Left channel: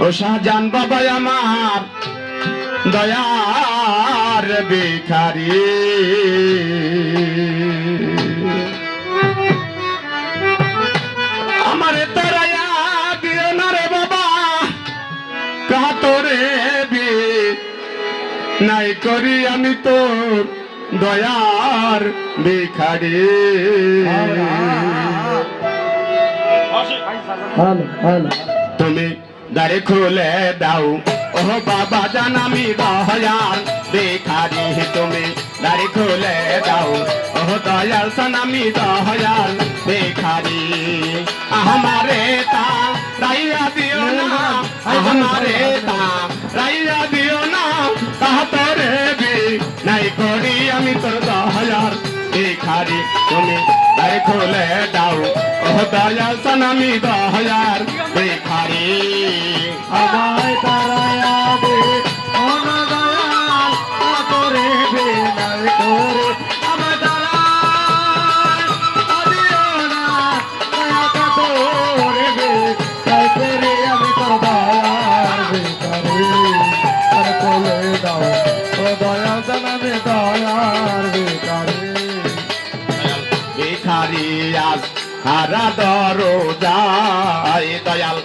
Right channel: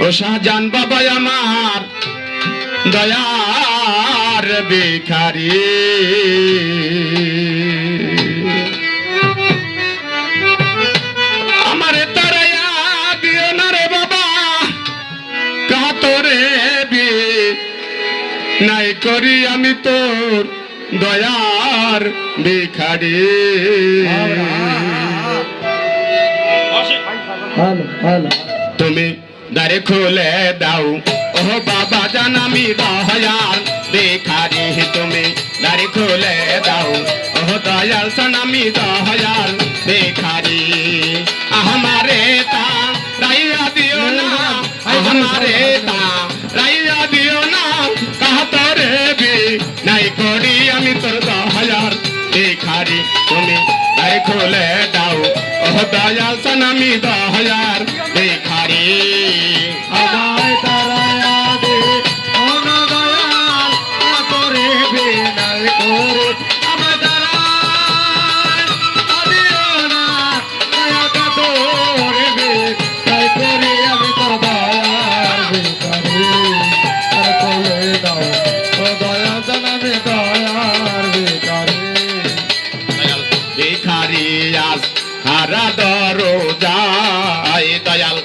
ও শাহজান বাবা আমার দয়ার ভিখারি আমারে তারায়া দিও না রে বাবা কাতরে বি নাই করি আমি তোর দয়ার ভিখারি তুমি দারে খুলে দাও ও বাবা জান আমি দয়ার ভিখারি তুমি দারে খুলে দাও ও দয়াল সান আমি দয়ার ভিখারি আমারে তা রাইয়া দিও না আমারে তা রাইয়া দিও না কাতরে বি নাই করি আমি তোর দয়ার ভিখারি তুমি দারে খুলে দাও ও দয়াল সান আমি দয়ার ভিখারি আমায় তারায়া দে ও না দয়াল করে বিনাই করে আমায় তারায় দিও না দয়া করে বিনাই করে আমি তোর দয়ার ভিখারি আর কোলে দাও ও দয়া জানাবে দয়ার ভিখারি ভিখারি আজ হারা দরজায় দয়াল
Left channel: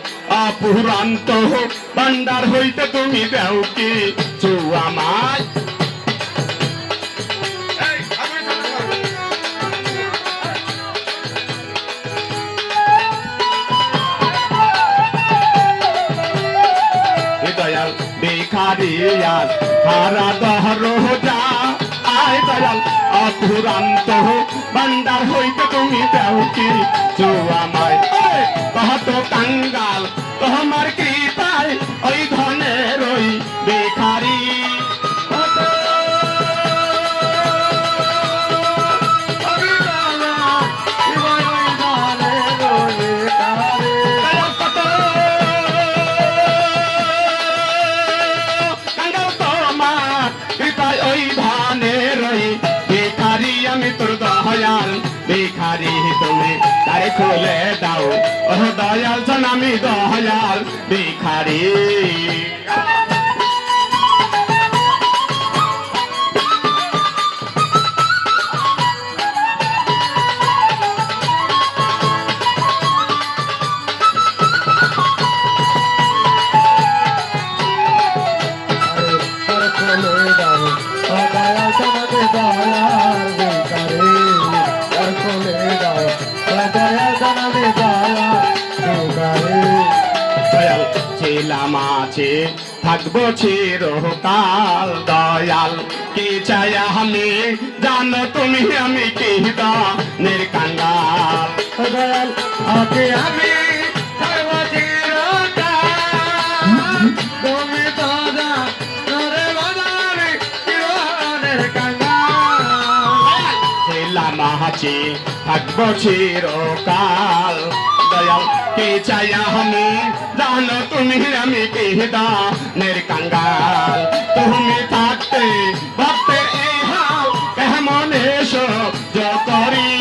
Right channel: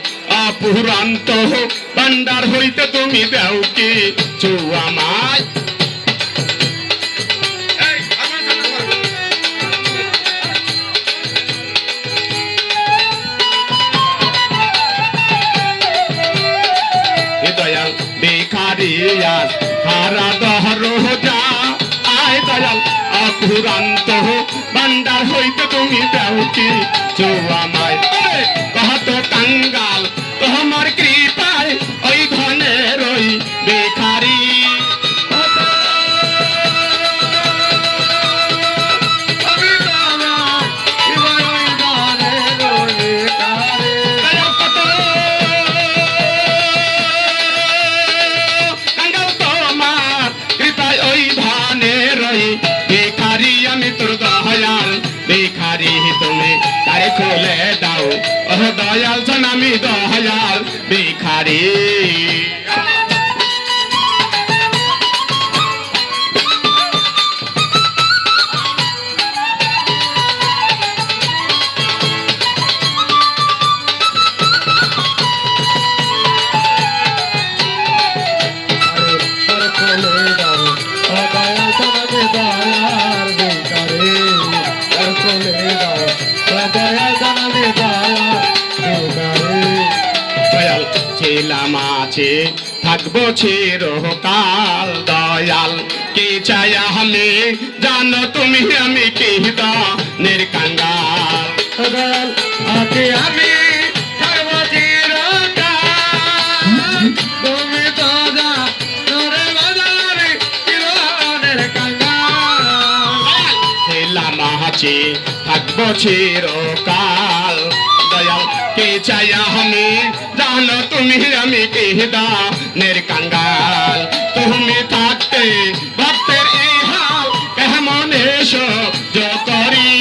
অপুরান্ত ভান্ডার হইতে তুমি দেও কি আমায় দয়াল ভিখারি আজ হারা দরজা আয় দয়াল অপুরান্ত ভান্ডার হইতে তুমি দেও কি আমায় কত কাঙ্গাল তোমার কৃপায় ওই ধনের ওই ভিখারি আমি তোর দয়াল ভিখারি তুমি তারে খুলে দাও ও দয়াল সান আমি দয়াল ভিখারি ছিলাম আছে থাকবো চিরকাল দয়াল কি চাই আমি জানো তুমি আমি কি নির্কাঙ্গাল দয়াল আগে আমি থাকবো চিরকাল তুমি তো জানো বাজারে চিরনের কাঙ্গাল ছিলাম আছে থাকবো চিরকাল দয়াল কে চাই আমি জানো তুমি আমি কি নির্কাঙ্গাল তুমি থাকতে ভক্তের এই হাল কেমন এসো করি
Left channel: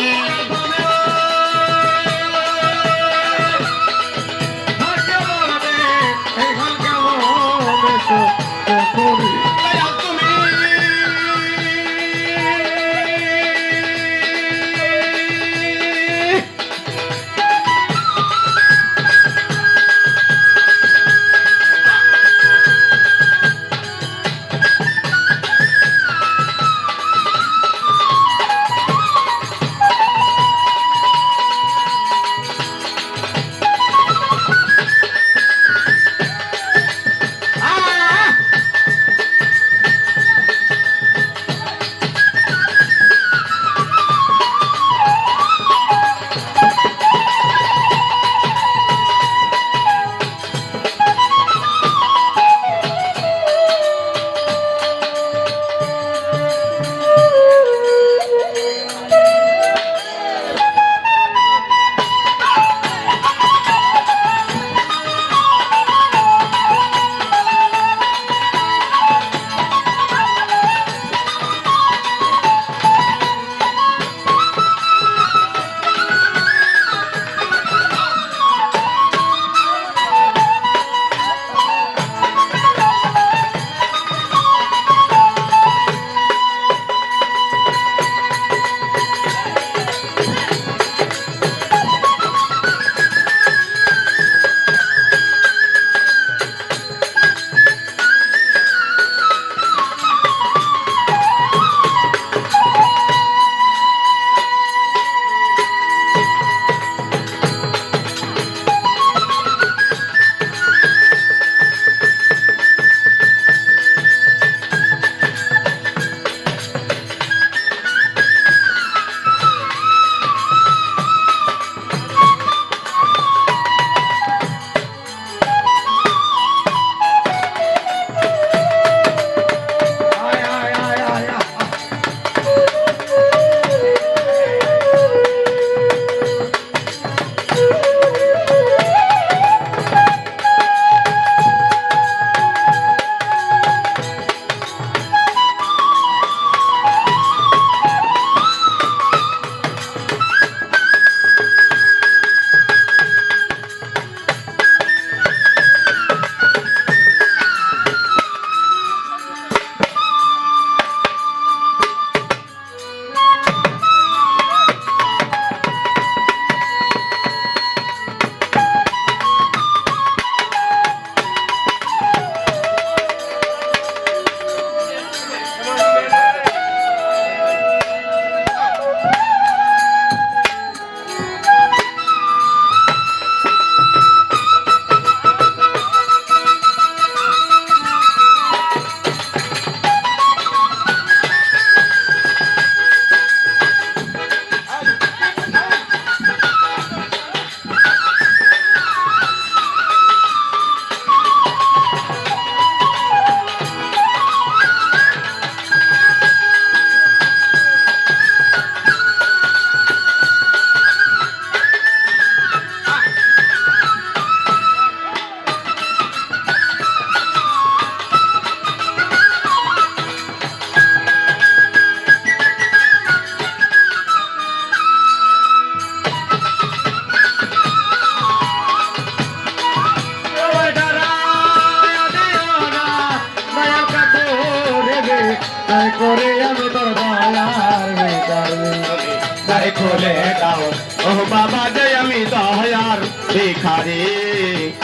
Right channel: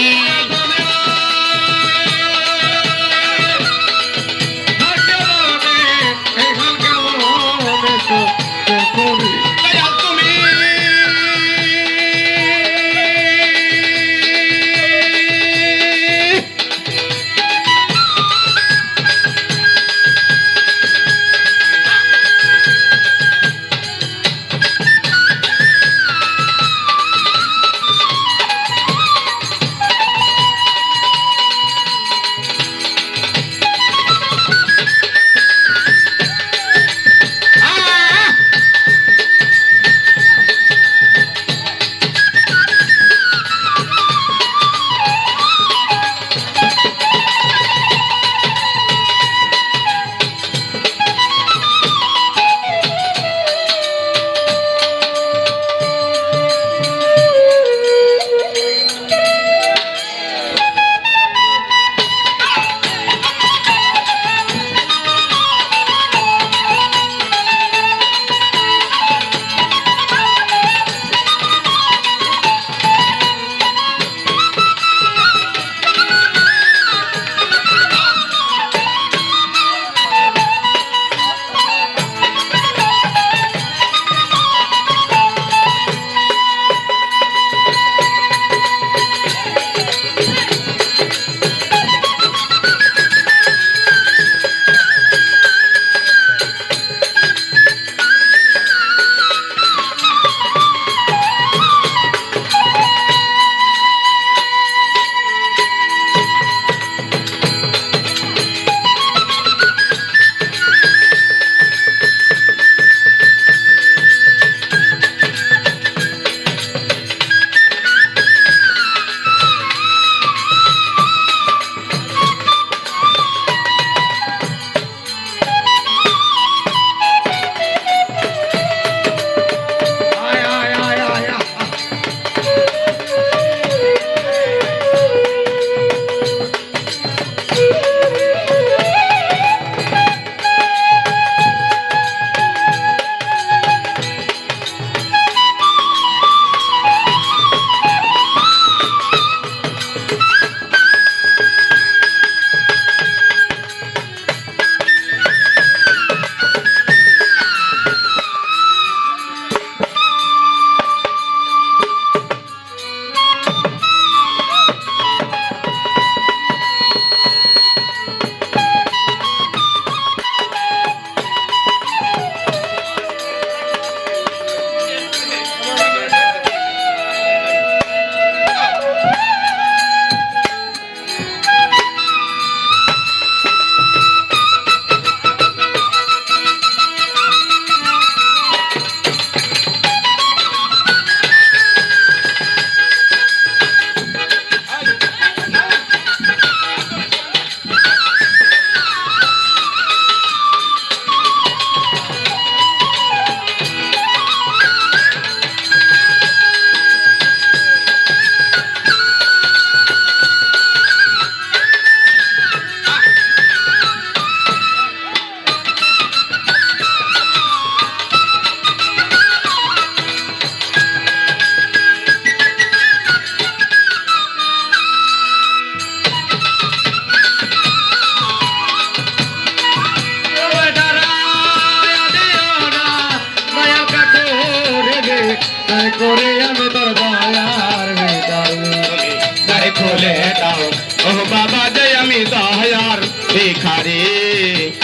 খুলে দাও ও বাবা যে আমি দয়ার ভিখারি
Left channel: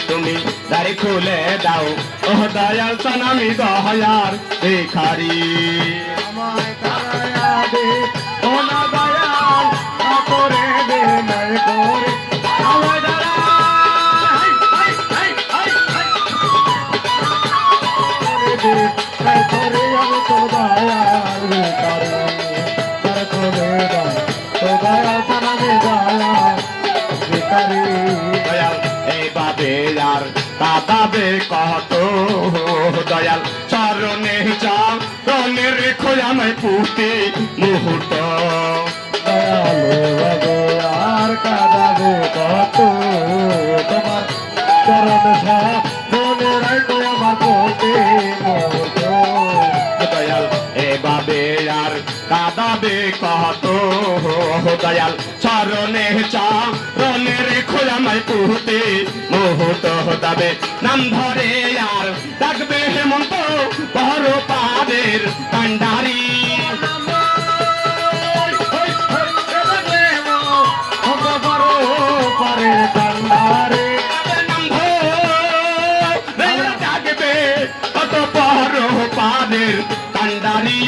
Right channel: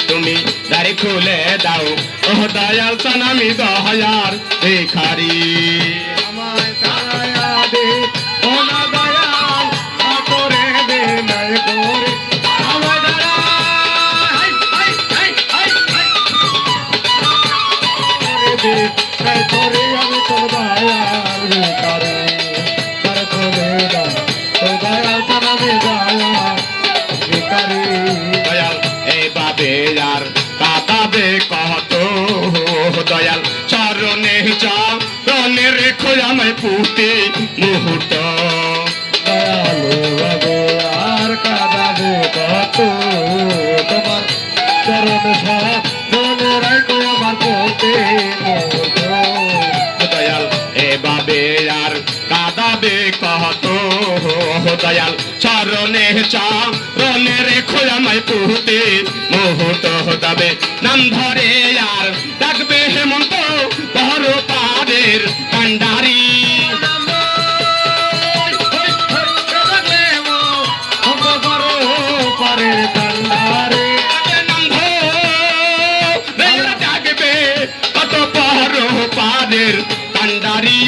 তুমি দাড়ি খুলে দাও ও দয়াল চান আমি দয়ার ভিখারি আমায় তারায়া দে ও না দয়াল করে দে নাই করে আমায় দাঁড়া high high high high high করে দে তাই করে আমি তো দয়াল করে তার করে দাও তো দয়াল তানাবে দয়াল ভিখারি দয়াল এই বাবে আর কাঁদাবে কত দয়াল চরণে চাও রনে রেখো আমায় পুতে মুহূর্ত দয়ালু বাবু আর কাঁদাবে কত তোমার চরণ সব মনে রাখো আমার পথে মতো দয়াল এ বাবে আর কাঁদাবে কত দয়াল চরণে চাও রনে রেখো আমায় পুতে মুহূর্ত দাবে নাম ধরে আর ডাকবে হেমন্ত পর পাদের কান্ডারি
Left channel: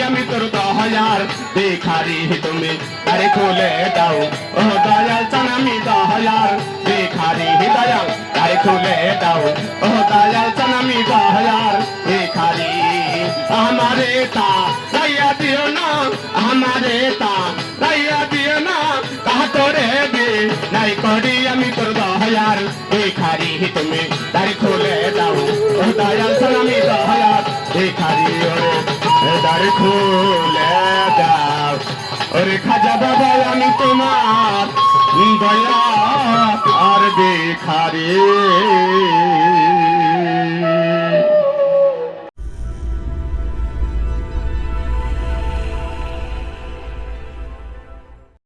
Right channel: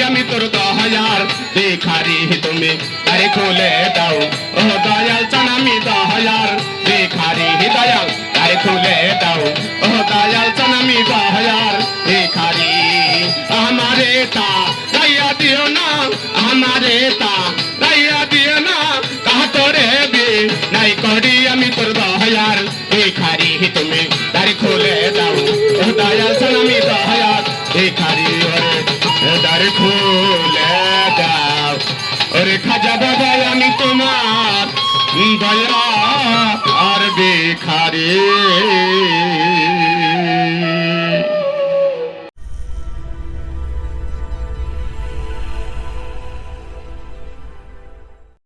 আমি তোর দয়ার ভিখারি তুমি আরে খুলে দাও ও দয়াল চান আমি দয়ার ভিখারি দয়াল আরে খুলে দাও ও দয়াল চান আমি দয়ার ভিখারি আমারে তা রাইয়া দিও না আমারে তা রাইয়া দিও না তাহা তোরে বে নাই করি আমি তোর দয়ার ভিখারি তুমি আরে খুলে দাও ও দয়াল চান আমি দয়ার ভিখারি ওরে দ্বার খুলে দাও ওরে খাজা বাবা আমি তোমার দয়া আর ভিখারি